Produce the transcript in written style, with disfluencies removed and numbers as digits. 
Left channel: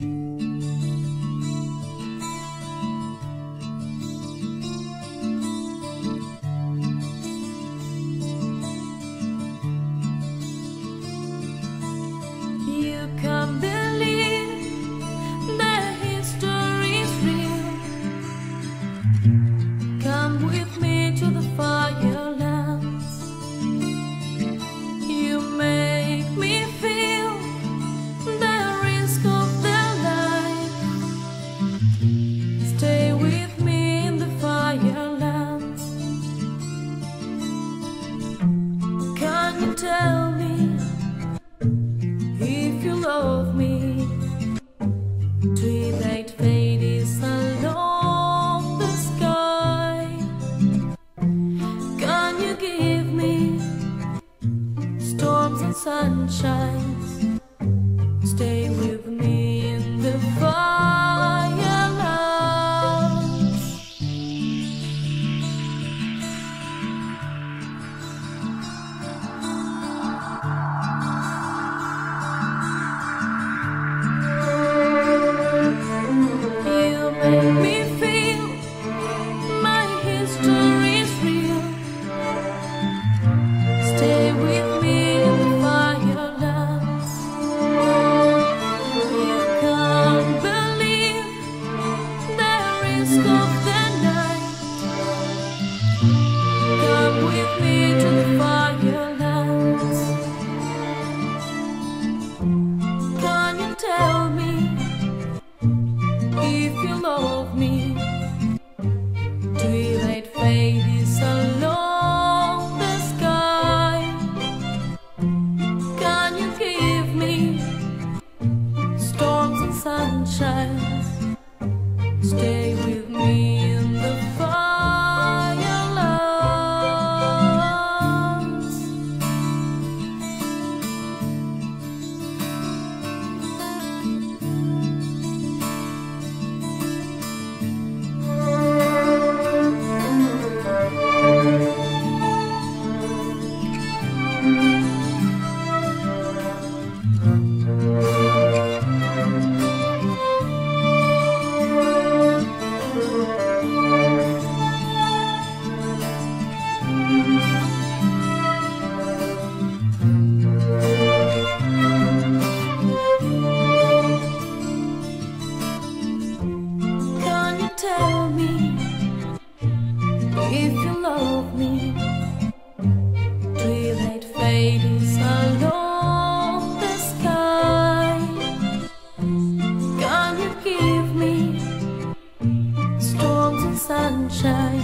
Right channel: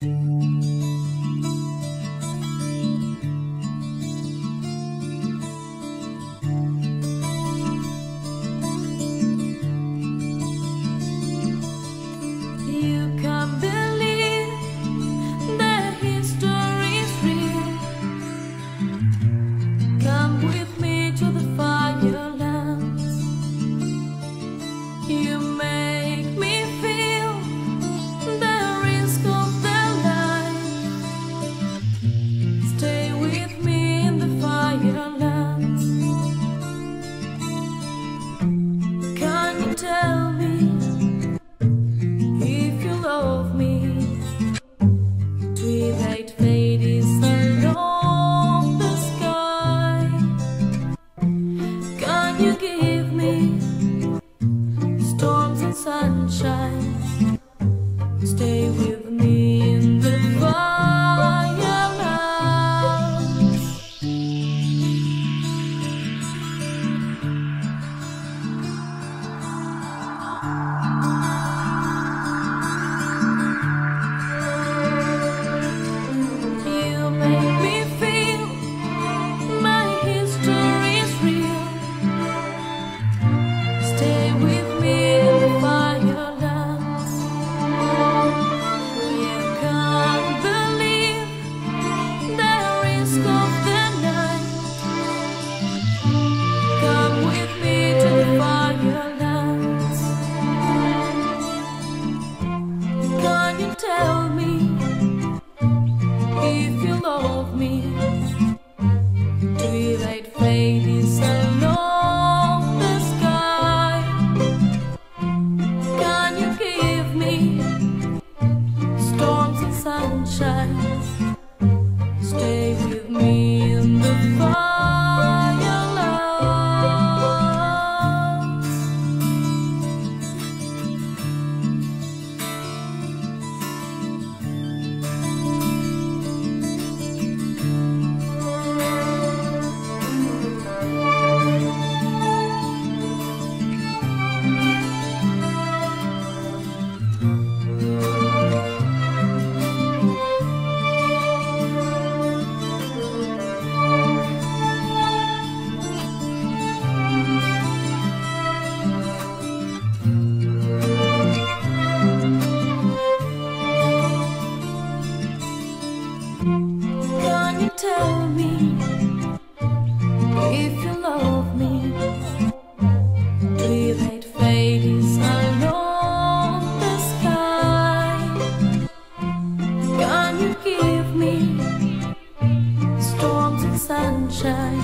You can't believe that history's real. Come with me to the Firelands. You make me feel the risk of the life. Stay with me in the Firelands. Can you tell me if you love me? Twilight fades along the sky. Can you give me storms and sunshine? Stay with me in the Firelands. You make me feel my history's real. Stay with me in the Firelands. You can't believe the risk of the night. Come with me to the Firelands. Can you tell me if you love me? Twilight fades along the sky. Can you give me storms and sunshine? Stay with me in the Firelands. Can you tell me if you love me? Twilight fades along the sky. Can you give me storms and sunshine?